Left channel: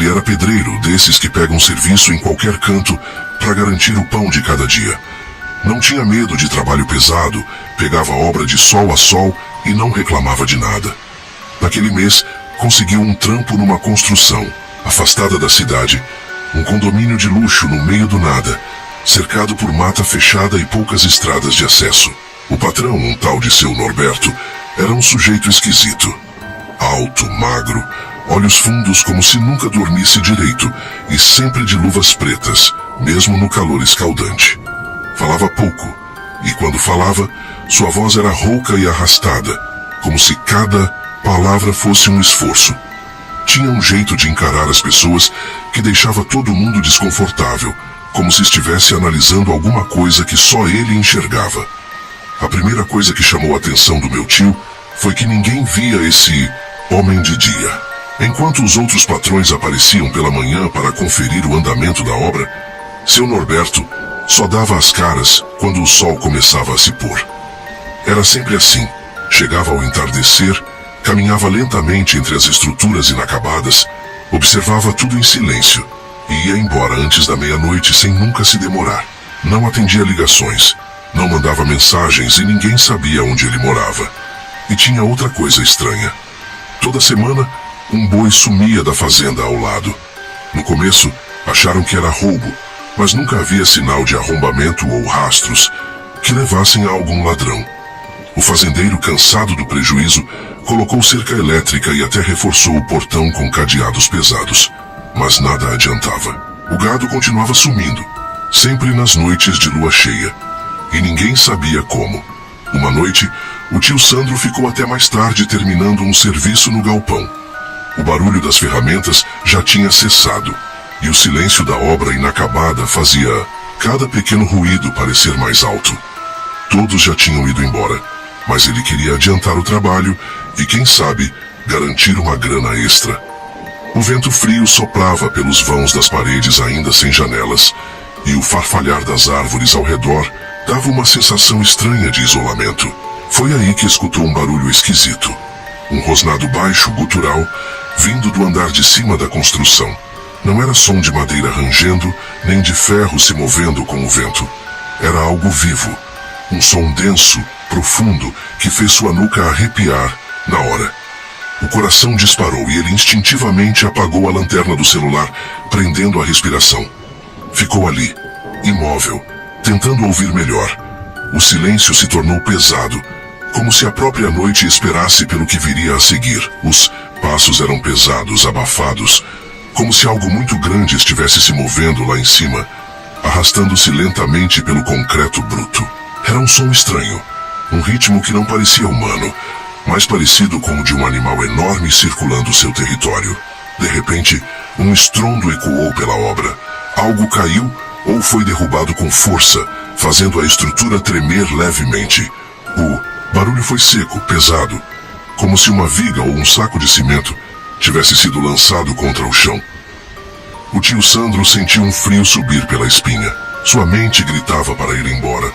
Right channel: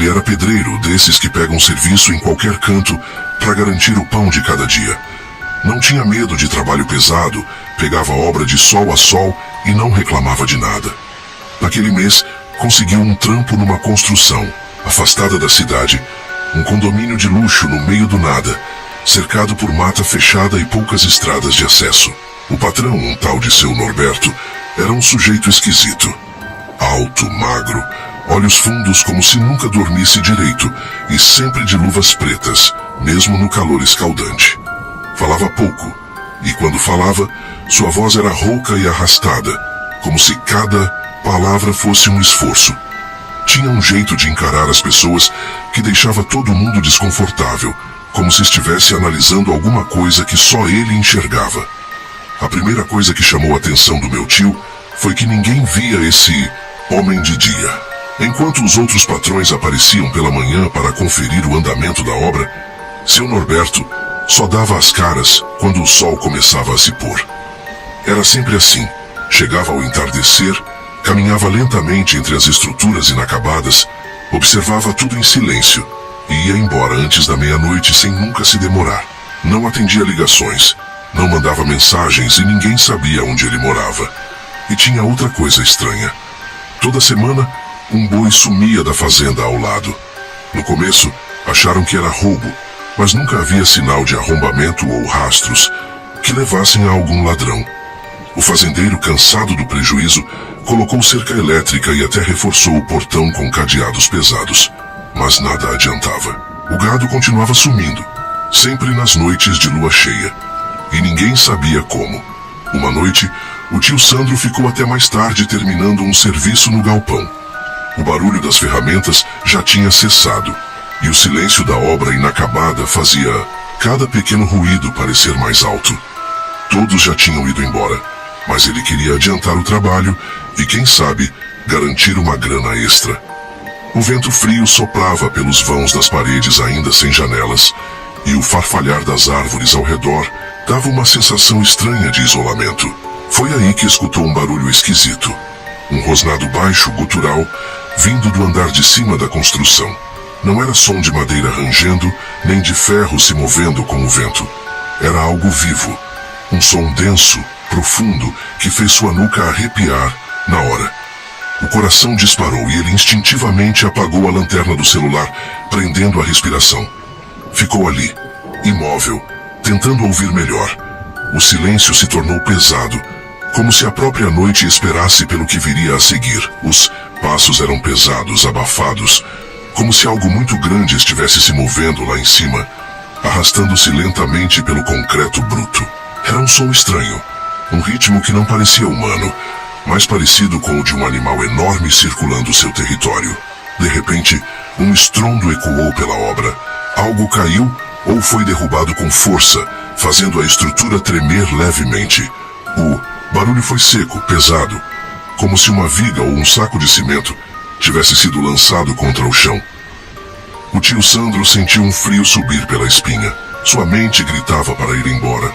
Ele era pedreiro, desses que pegam serviço em qualquer canto para garantir o pão de cada dia. Não tinha medo de trabalho pesado, pegava obra de sol a sol e não reclamava de nada. Naquele mês, conseguiu um trampo numa construção, afastada da cidade, um condomínio de luxo no meio do nada, cercado por mata fechada e poucas estradas de acesso. O patrão, um tal de seu Norberto, era um sujeito esquisito. Alto, magro, olhos fundos como se nunca dormisse direito e sempre de luvas pretas, mesmo no calor escaldante. Falava pouco, e quando falava, sua voz era rouca e arrastada, como se cada palavra fosse um esforço. Tinha um jeito de encarar as pessoas que deixava todo mundo desconfortável, como se estivesse analisando alguma coisa que só ele enxergava. A primeira coisa que chamou a atenção do meu tio foi que ninguém via esse homem de dia. Enquanto os outros patrões apareciam pela manhã para conferir o andamento da obra, seu Norberto só dava as caras quando o sol começava a se pôr. Era sempre assim. Chegava ao entardecer, caminhava lentamente entre as estruturas inacabadas, observava tudo em silêncio e ia embora antes da meia-noite sem nunca se demorar. Não atendia ligações, não mandava mensagens e ninguém sabia onde ele morava. E tinha outra coisa estranha. Toda semana, um boi sumia da fazenda ao lado. No começo, acharam que era roubo, mas nunca havia sinal de arrombamento ou rastros que levassem a algum ladrão. O fazendeiro, cansado do prejuízo, colocou cerca elétrica e até reforçou o portão com cadeados pesados. Mas nada adiantava. O gado continuava sumindo, sempre nas noites de lua cheia. E ninguém sabia como. Uma noite, o tio Sandro ficou até mais tarde terminando um serviço no galpão. O barulho das ferramentas já tinha cessado, e o silêncio da obra inacabada fazia cada pequeno ruído parecer mais alto. Todos já tinham ido embora, mas ele queria adiantar o trabalho e, quem sabe, garantir uma grana extra. O vento frio soprava pelos vãos das paredes ainda sem janelas, e o farfalhar das árvores ao redor dava uma sensação estranha de isolamento. Foi aí que escutou um barulho esquisito. Um rosnado baixo, gutural, vindo do andar de cima da construção. Não era som de madeira rangendo, nem de ferro se movendo com o vento. Era algo vivo. Um som denso, profundo, que fez sua nuca arrepiar na hora. O coração disparou e ele instintivamente apagou a lanterna do celular, prendendo a respiração. Ficou ali, imóvel, tentando ouvir melhor. O silêncio se tornou pesado, como se a própria noite esperasse pelo que viria a seguir. Os passos eram pesados, abafados, como se algo muito grande estivesse se movendo lá em cima, arrastando-se lentamente pelo concreto bruto. Era um som estranho, um ritmo que não parecia humano, mais parecido com o de um animal enorme circulando seu território. De repente, um estrondo ecoou pela obra. Algo caiu ou foi derrubado com força, fazendo a estrutura tremer levemente. O barulho foi seco, pesado, como se uma viga ou um saco de cimento tivesse sido lançado contra o chão. O tio Sandro sentiu um frio subir pela espinha. Sua mente gritava para ir embora,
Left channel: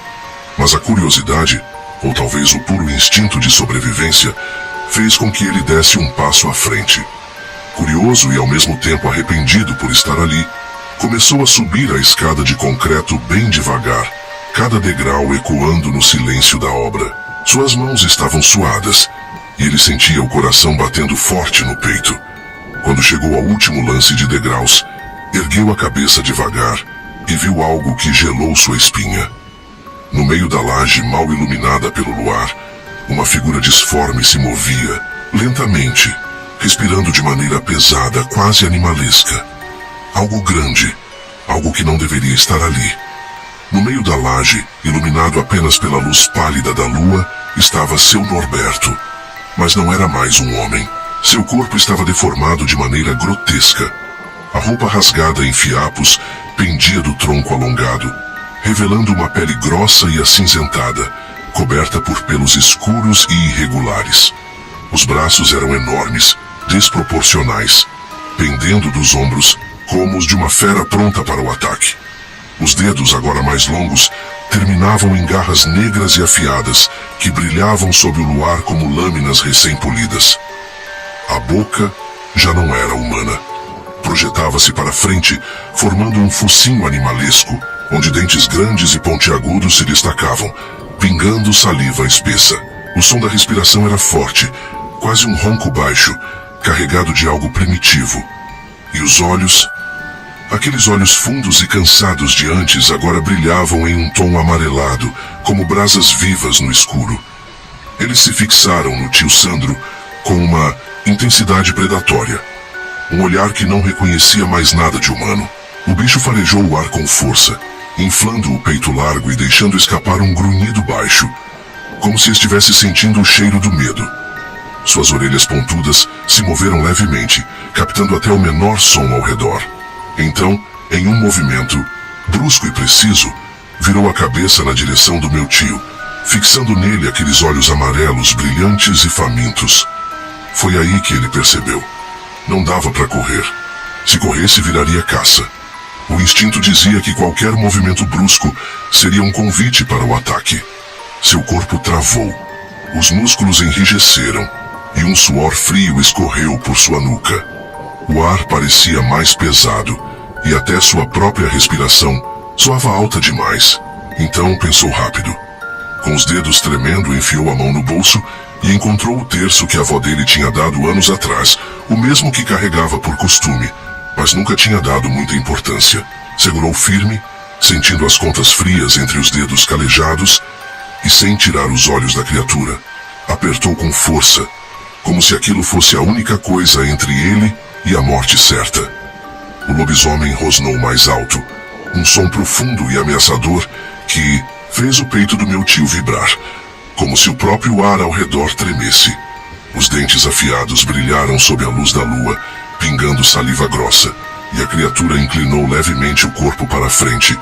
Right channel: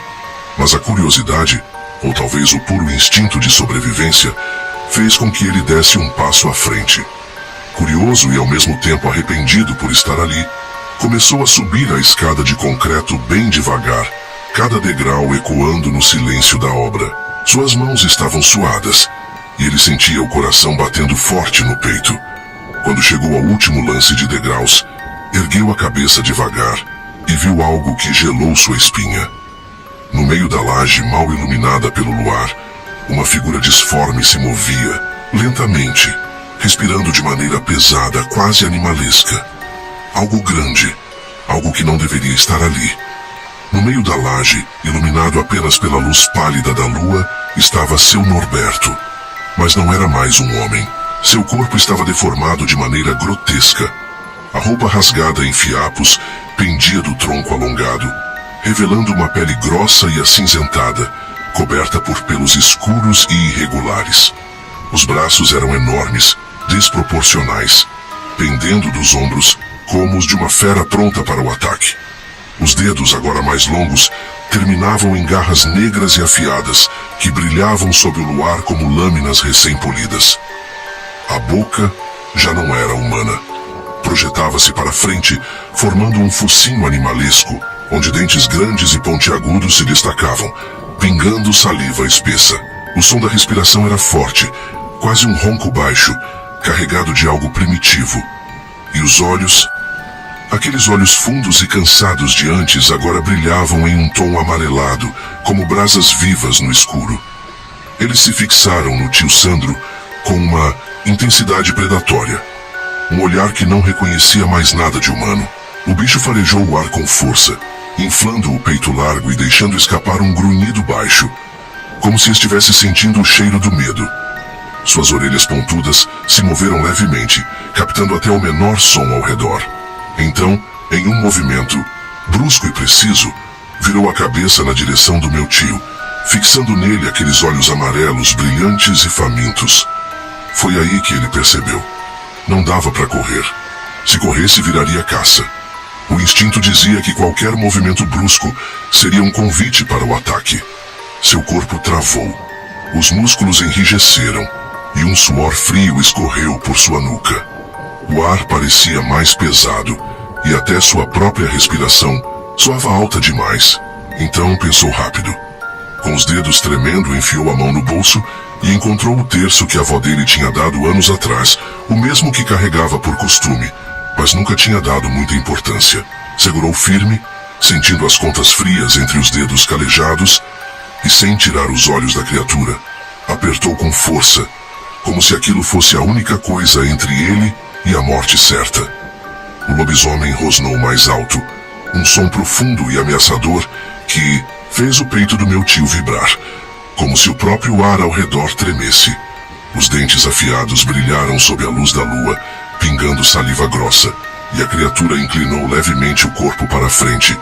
mas a curiosidade, ou talvez o puro instinto de sobrevivência, fez com que ele desse um passo à frente. Curioso e ao mesmo tempo arrependido por estar ali, começou a subir a escada de concreto bem devagar, cada degrau ecoando no silêncio da obra. Suas mãos estavam suadas, e ele sentia o coração batendo forte no peito. Quando chegou ao último lance de degraus, ergueu a cabeça devagar e viu algo que gelou sua espinha. No meio da laje mal iluminada pelo luar, uma figura disforme se movia, lentamente, respirando de maneira pesada, quase animalesca. Algo grande, algo que não deveria estar ali. No meio da laje, iluminado apenas pela luz pálida da lua, estava seu Norberto. Mas não era mais um homem. Seu corpo estava deformado de maneira grotesca. A roupa rasgada em fiapos pendia do tronco alongado, revelando uma pele grossa e acinzentada, coberta por pelos escuros e irregulares. Os braços eram enormes, desproporcionais, pendendo dos ombros como os de uma fera pronta para o ataque. Os dedos, agora mais longos, terminavam em garras negras e afiadas que brilhavam sob o luar como lâminas recém-polidas. A boca já não era humana. projetava-se para frente, formando um focinho animalesco, onde dentes grandes e pontiagudos se destacavam, pingando saliva espessa. O som da respiração era forte, quase um ronco baixo, carregado de algo primitivo. E os olhos... Aqueles olhos fundos e cansados de antes agora brilhavam em um tom amarelado, como brasas vivas no escuro. Eles se fixaram no tio Sandro com uma intensidade predatória. Um olhar que não reconhecia mais nada de humano. O bicho farejou o ar com força, inflando o peito largo e deixando escapar um grunhido baixo, como se estivesse sentindo o cheiro do medo. Suas orelhas pontudas se moveram levemente, captando até o menor som ao redor. Então, em um movimento, brusco e preciso, virou a cabeça na direção do meu tio, fixando nele aqueles olhos amarelos, brilhantes e famintos. Foi aí que ele percebeu. Não dava para correr. Se corresse, viraria caça. O instinto dizia que qualquer movimento brusco seria um convite para o ataque. Seu corpo travou. Os músculos enrijeceram e um suor frio escorreu por sua nuca. O ar parecia mais pesado e até sua própria respiração soava alta demais. Então pensou rápido. Com os dedos tremendo, enfiou a mão no bolso e encontrou o terço que a avó dele tinha dado anos atrás, o mesmo que carregava por costume, mas nunca tinha dado muita importância. Segurou firme, sentindo as contas frias entre os dedos calejados e, sem tirar os olhos da criatura, apertou com força, como se aquilo fosse a única coisa entre ele e a morte certa. O lobisomem rosnou mais alto, um som profundo e ameaçador que fez o peito do meu tio vibrar, como se o próprio ar ao redor tremesse. Os dentes afiados brilharam sob a luz da lua, pingando saliva grossa, e a criatura inclinou levemente o corpo para frente,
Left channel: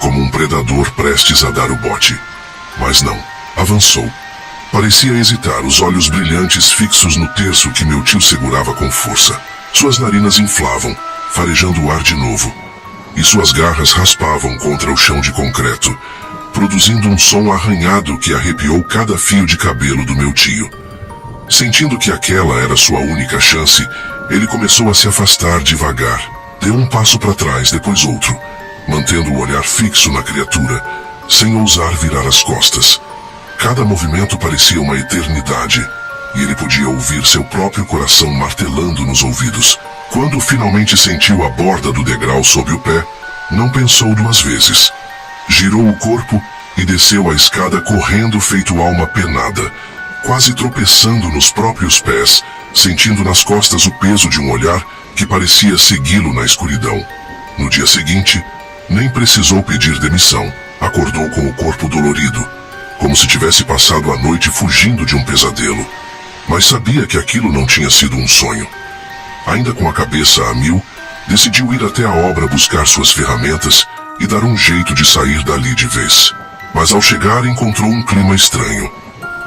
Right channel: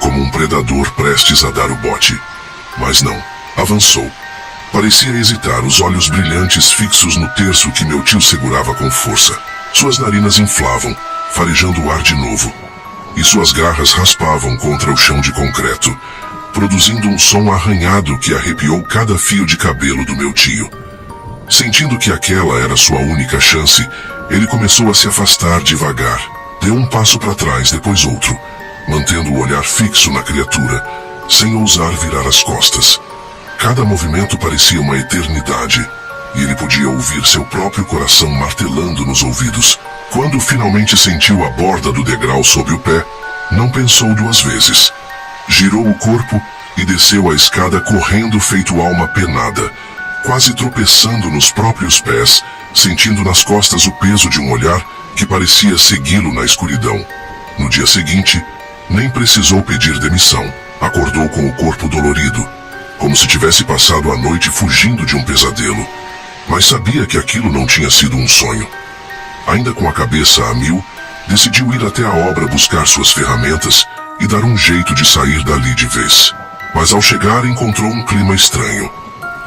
como um predador prestes a dar o bote. Mas não, avançou. Parecia hesitar, os olhos brilhantes fixos no terço que meu tio segurava com força. Suas narinas inflavam, farejando o ar de novo, e suas garras raspavam contra o chão de concreto, produzindo um som arranhado que arrepiou cada fio de cabelo do meu tio. Sentindo que aquela era sua única chance, ele começou a se afastar devagar. Deu um passo para trás, depois outro, mantendo o olhar fixo na criatura, sem ousar virar as costas. Cada movimento parecia uma eternidade, e ele podia ouvir seu próprio coração martelando nos ouvidos. Quando finalmente sentiu a borda do degrau sob o pé, não pensou duas vezes. Girou o corpo e desceu a escada correndo feito alma penada, quase tropeçando nos próprios pés, sentindo nas costas o peso de um olhar que parecia segui-lo na escuridão. No dia seguinte, nem precisou pedir demissão. Acordou com o corpo dolorido, como se tivesse passado a noite fugindo de um pesadelo. Mas sabia que aquilo não tinha sido um sonho. Ainda com a cabeça a mil, decidiu ir até a obra buscar suas ferramentas e dar um jeito de sair dali de vez. Mas ao chegar encontrou um clima estranho.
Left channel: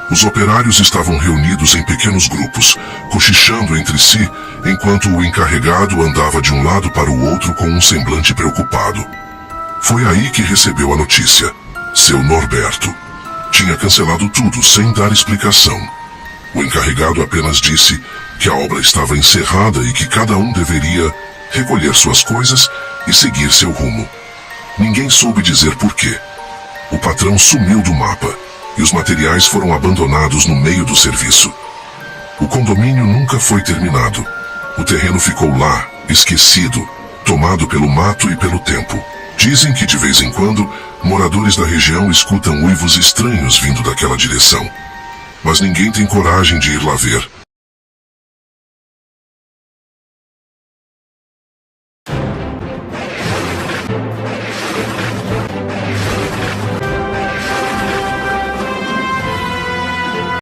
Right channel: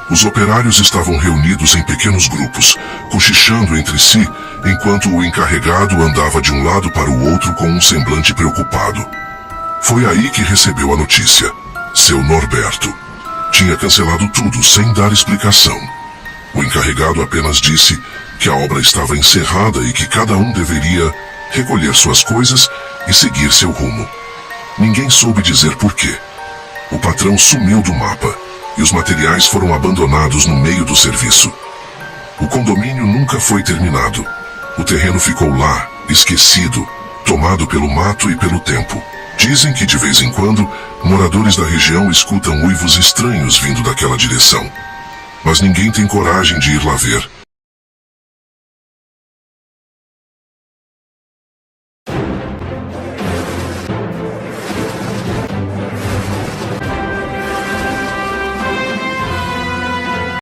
Os operários estavam reunidos em pequenos grupos, cochichando entre si, enquanto o encarregado andava de um lado para o outro com um semblante preocupado. Foi aí que recebeu a notícia. Seu Norberto tinha cancelado tudo sem dar explicação. O encarregado apenas disse que a obra estava encerrada e que cada um deveria recolher suas coisas e seguir seu rumo. Ninguém soube dizer por quê. O patrão sumiu do mapa e os materiais foram abandonados no meio do serviço. O condomínio nunca foi terminado. O terreno ficou lá, esquecido, tomado pelo mato e pelo tempo. Dizem que de vez em quando, moradores da região escutam uivos estranhos vindo daquela direção. Mas ninguém tem coragem de ir lá ver,